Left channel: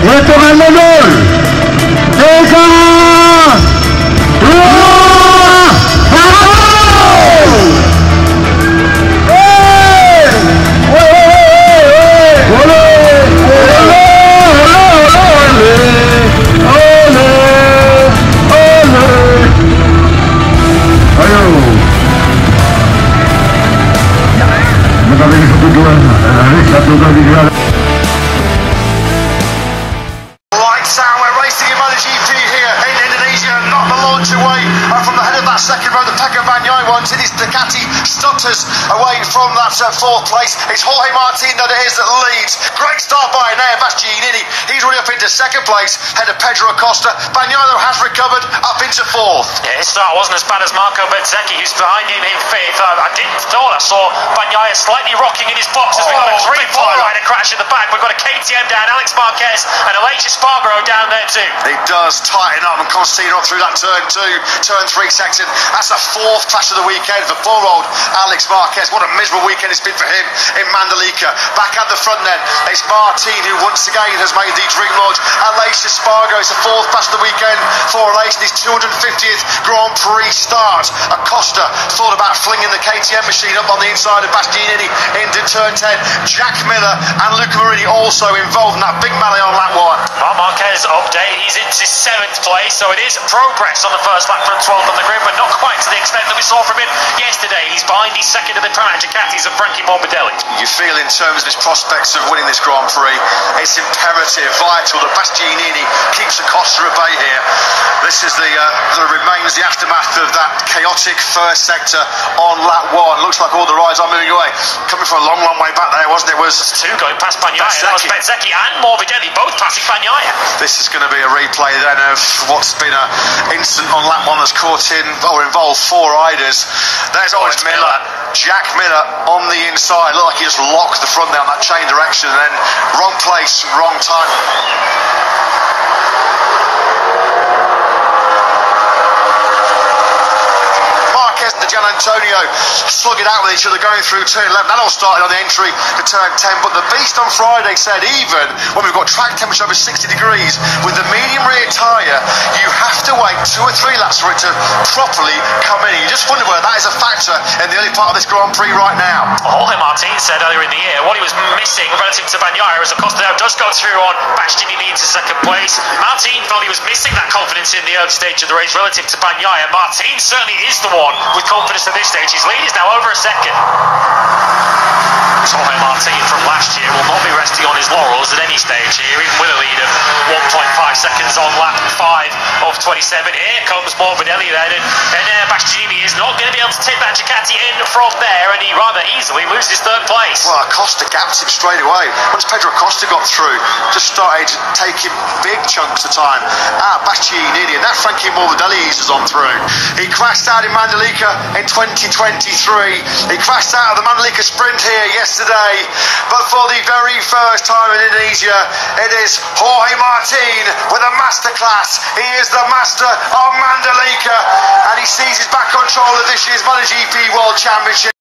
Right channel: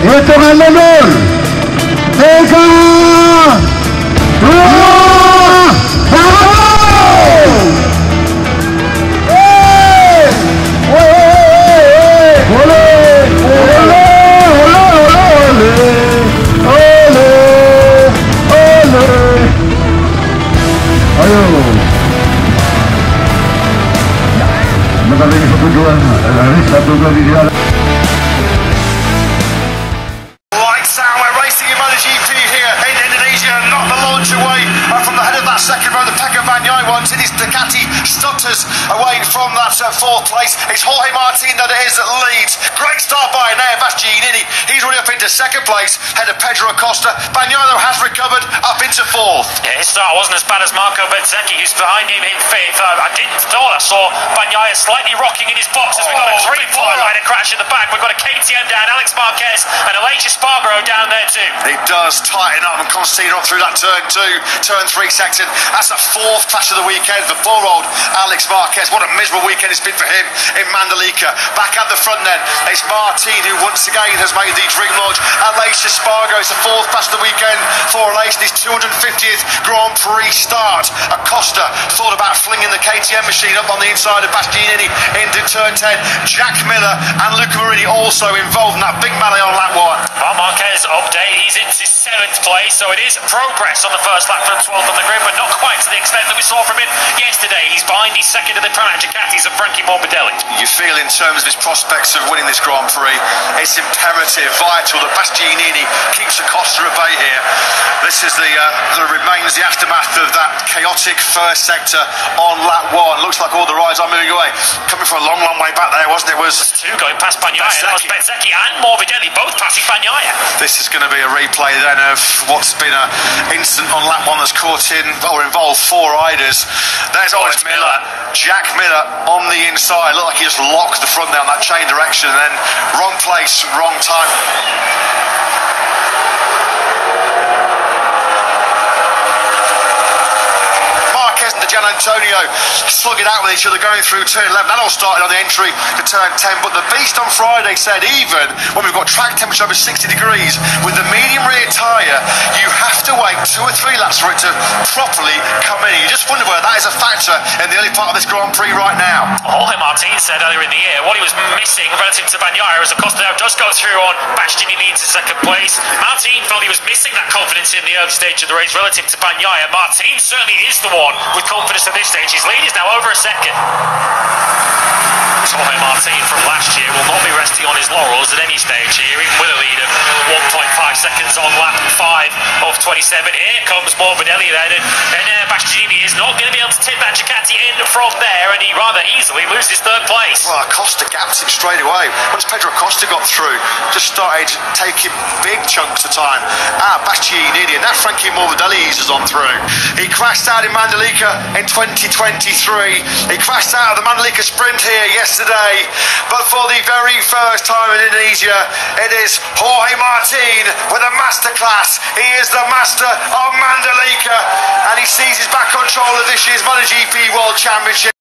Hitungan mundur. 3, 2, 1. Lights out, we're racing in MotoGP here in Indonesia, not the launch away from the head of that second row, the Pecco Bagnaia ones. It is Ducati stutters away from that fourth place. It's Jorge Martin that it is that leads. Great start by now, Bastianini. He's already up into second place, ahead of Pedro Acosta. Bagnaia has recovered up into fourth. Yeah, his start wasn't as bad as Marco Bezzecchi, who's behind him in fifth. I thought I saw Bagnaia slightly rocking in his boxes. We've got a three-pole rider crash in the back. We've got a KTM down, Alex Marquez, and Aleix Espargaro down there too. It does tighten up and Constantino up through that turn 2, turn 3 section. That's a fourth crash of the weekend for poor-old Alex Marquez. What a miserable weekend it's been for him in Mandalika. Back at the front then, it's Martin who once again has made the dream launch. Aleix Espargaro is the fourth crash of the weekend for Aleix, his 250th Grand Prix start. Acosta thought about flinging the KTM machine up on the inside of Bastianini into turn 10. Jack Miller and Luca Marini also involved in that big melee on lap 1. Well, Marquez update, he's into 7th place, so it is progress on the first lap from 12th on the grid, but not quite to the extent that we saw from him yesterday. He's behind, he's second to the Pramac Ducatis of Frankie Morbidelli. You feel in terms of his prospects of winning this Grand Prix, it's imperative, vital that Bastianini keeps Acosta at bay here. This is the remains, the aftermath of that chaotic first sector on lap 1. Looks like all the rides are moving away. Coming from a long, long way back there, wasn't it? It was 2 going past Bagnaia. That was Bezzecchi and Morbidelli, both passing Bagnaia. This is going to be a replay then of what's been an incident on lap 1 that's caught in or involved 4 riders. There's always Miller. Jack Miller on the inside. Looked like he just locked the front down that chain direction, and then wrong place, wrong time. Gian Antonio slug it out with each other going through turn 11. That all started on the entry to turn 10, but the beast on Friday said even when we've got track temperature over 60 degrees with the medium rear tyre, you have to wait 2 or 3 laps for it to properly come in. You just wonder whether that is a factor in the early part of this Grand Prix right now. Jorge Martin said earlier in the year what he was missing relative to Bagnaia as Acosta now does go through on Bastianini into second place. Martin felt he was missing that confidence in the early stage of the race relative to Bagnaia. Martin certainly is the one with confidence at this stage. His lead is now over a second. Jorge Martin from last year will not be resting on his laurels at any stage here, even with a lead of 1.5 seconds on lap 5 of 27. Here comes Morbidelli then, and Bastianini is not going to be able to take that Ducati in from there, and he rather easily loses 3rd place. Well, Acosta gaps him straight away. Once Pedro Acosta got through, just started taking big chunks of time out Bastianini, and that Frankie Morbidelli eases on through. He crashed out in Mandalika in 2023. He crashed out of the Mandalika sprint here yesterday, but for the very first time in Indonesia, it is Jorge Martin with a masterclass. He is the master of Mandalika, and he seizes back control of this year's MotoGP World Championship.